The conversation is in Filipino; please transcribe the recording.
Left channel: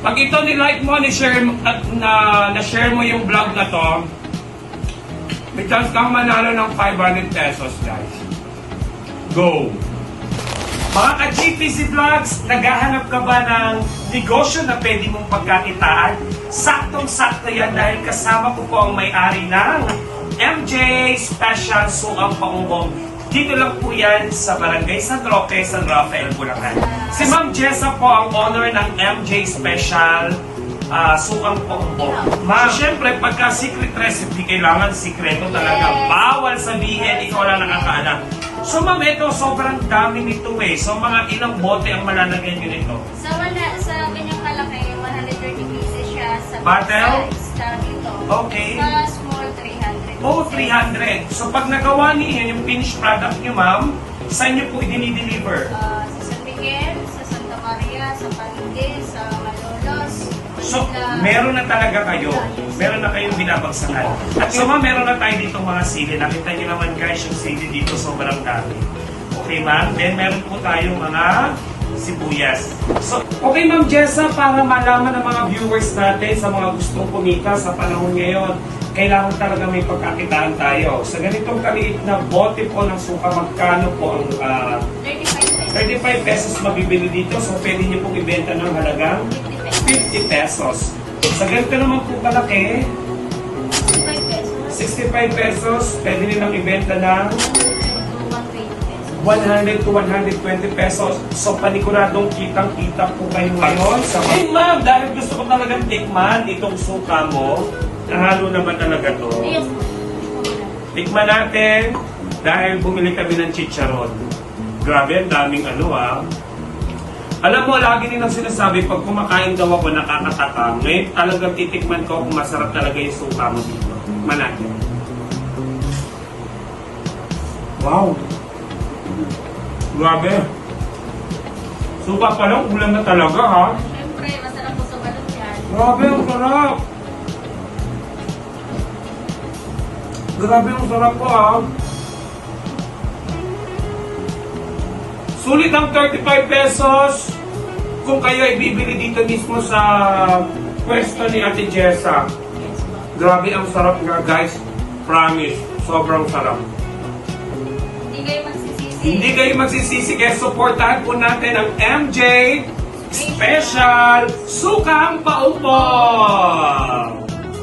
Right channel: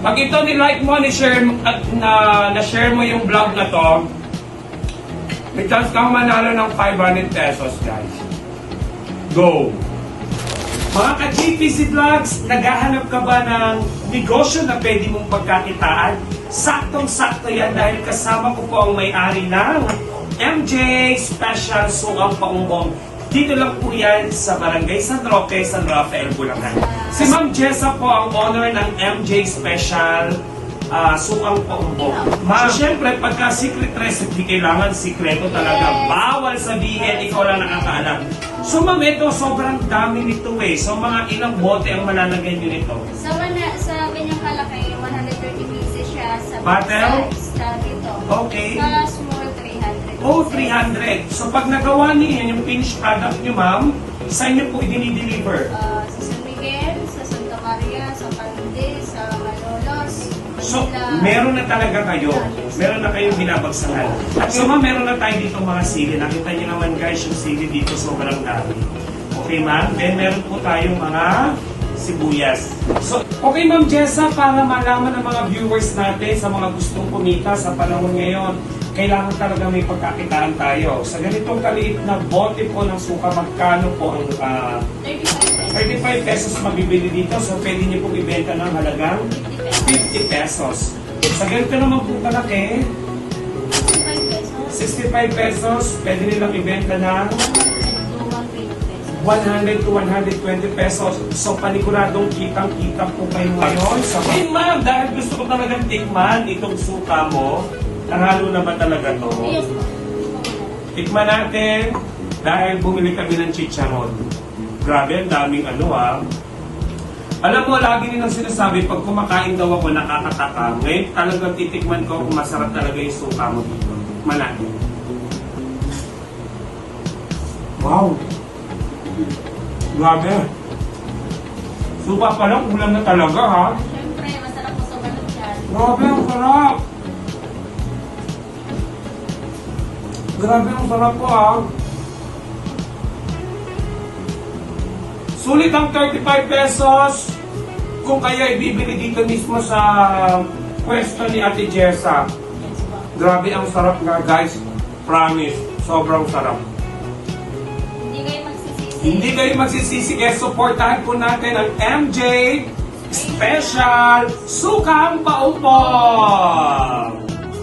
Pag ito ni-like mo, ni-share, at na-share mo yung vlog na to, may chance kang manalo ng 500 pesos, guys. Go! Mga ka-GPC Vlogs, naghahanap ka ba ng negosyo na pwede mong pagkakitaan? Saktong-sakto yan dahil kasama ko po ang may-ari ng MJ Special Sukang Paumbong. Dito lang po yan sa Barangay San Roque, San Rafael, Bulacan. Si Ma'am Jessa po ang owner ng MJ Special Sukang Paumbong. Ma'am, siyempre pagka secret recipe, kailangan sikreto talaga. Bawal sabihin, ikaw lang nakakaalam. So ma'am, ito sobrang dami nito eh. So mga ilang bote ang malalagyan nyo nito? Sa ganyang kalaki, 130 pieces siya. Sa Patel? Sa dito. Okay. Sa small, 300. Oh, 300. So pag nagawa niyo yung finished product nyo ma'am, saan nyo po i-deliver? Sa San Miguel, sa Santa Maria, sa Palinde, sa Malolos. So, meron na talaga kayo. Meron na kayong binabagsakan. At so, ma'am, meron na tayo dito mga sili. Nakita niyo naman guys, yung sili dito sobrang dami. Okay, ma'am? Then, meron po tayong mga sibuyas. So, okay, ma'am Jessa, para malaman ng mga viewers natin sa mga gustong kumita sa panahon ngayon, kailangan talaga may pagkakitaan tayo. Sa ganitong kaliit na bote po ng suka, magkano po ang 35 pesos mabibili dito. So, pwede niyo pong ibenta ng halagang 50 pesos. Sa ganito naman po kalaki, 65 pesos, pwede nilang ibenta ng 100 to 120 pesos. So, paniguradong kitang-kita po kayo ngayon. Hey, ma'am, dahil gusto ko talagang tikman itong suka mo, nahalo na ba talaga to? Yes po. Tikman natin dahil bumili kami ng chicharon. Grabe, ang daming Alam mo, lagi nilang sinasabi, pag kumakain daw ako, nakakatakam. Ngayon, talagang titikman ko kung masarap talaga yung suka mo dito. Manate. Wow! Grabe! Suka pa lang, ulam na talaga, ha? Siyempre, masarap po sa balat yan. Grabe, ang sarap! Grabe, ang sarap po, ha? Sulit ang 35 pesos kung kayo ay bibili dito mismo sa pwesto ni Ate Jessa. Grabe ang sarap nga guys. Promise. Sobrang sarap. Hindi kayo magsisisi. Hindi kayo magsisisi kaya supportahan po natin ang MJ Special Sukang Paumbong.